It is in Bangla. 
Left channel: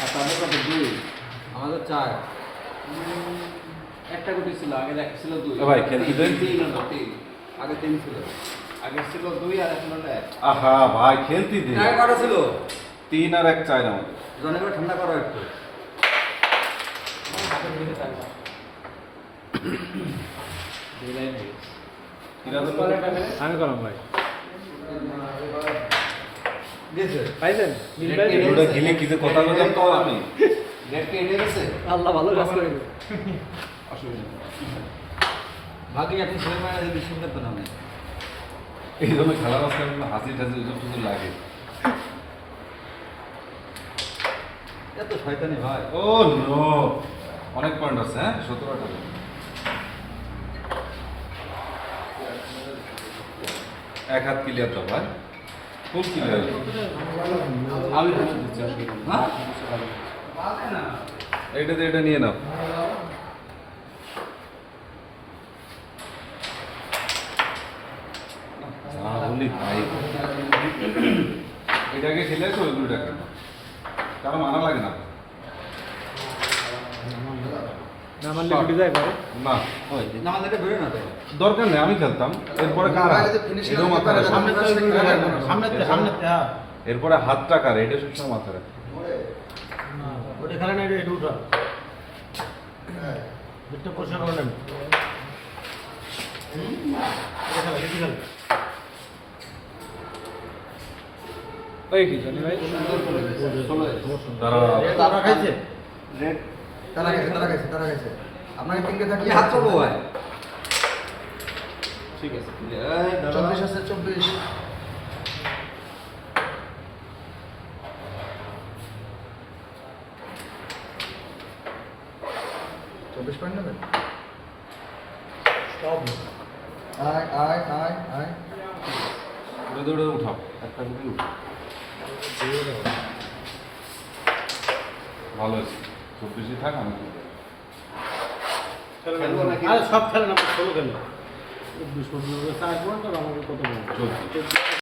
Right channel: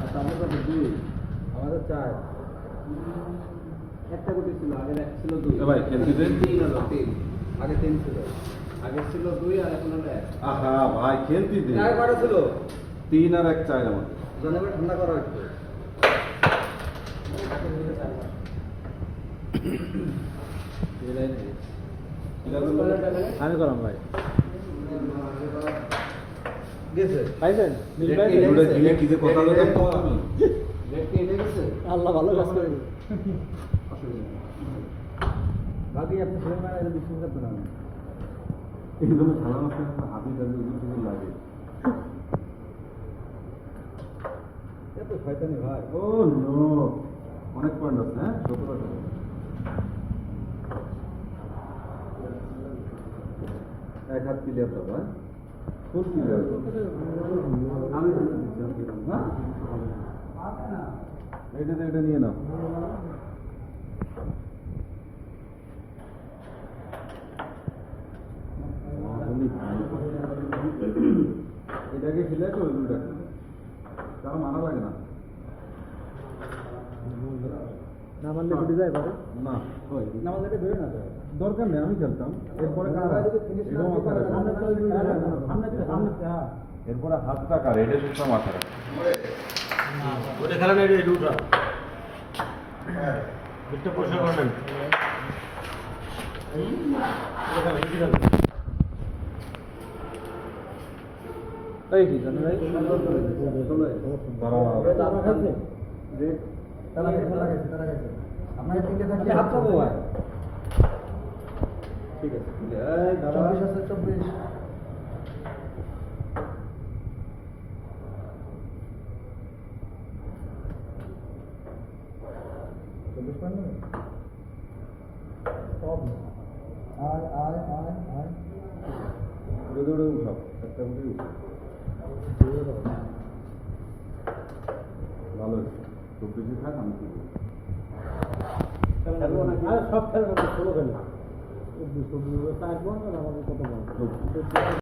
আর তাদের কত দুই? আমাদের চার। একটা গুটি ছিল আগে এক ছিল দুই ভাই, খেলতে দেন। তিন তিন আগে তিন ছিল। আগে ছিল দুই আর এখন হলো এক। আহা ভাই খেলতে দে আগে কটা ছিল? তিন আর এক চার আমার জনে করে ঠান্ডা করো একটু। আমি করলাম ভাই। পাইছেন? মিল পাইছেন গিলে কি কথা বলেন। তো আমি রেড কে এনে গেছে আল্লাহ ভালো কাজ করে অসুবিধা বাকি আপনি ছেলে মেয়েরা বিশ্বাস করতে না। এই জন্য খেলার মাঝখানে হাসি টাসি টুজন লাগে। এত শয়তানি ভাই। ও নো। অনেক পয়েন্ট আছে হ্যাঁ? সতেরোটা। এক হাত ক্লিয়ার দাও ভাই? ক্লিয়ার আমি তো। হ্যাঁ এটা এটা নিয়ে নাও এটাকে খেলেছো তো দুটাকে কারণ মারা লাগে না না মানলে গুটি যায় পারে না ওই না বেরো না দরকার নেই আমি খেলতাম। এরপরে কারা এটাও মাথা রাখো। এরপরে হাতটা কার? এটা সবসময় মাথা রাখো ওটা খেলা নাই এটা উঠা। বুটটা পরিষ্কার করে নেন ওই কি জানি ভাই? ষোলো দাঁড়াও। তারা খাইছে। রেড তারা গেছে তারা গেছে তারা গেছে। আপনাকে তিনটে থাকলে কি হাত করব ভাই? ঠিক আছে। চব্বিশ আছে চব্বিশ। চব্বিশ পয়েন্ট নেবেন? আয় আয় আয় আয়। দৌড়ে দৌড়ে উঠাও। একটা উঠাও। ভালো আছে চব্বিশে থাক আমি খেলব। খেলব নাকি? সব খেলে না ষোলো খেলেন বিশ পঁচিশ চার পয়েন্ট আর কত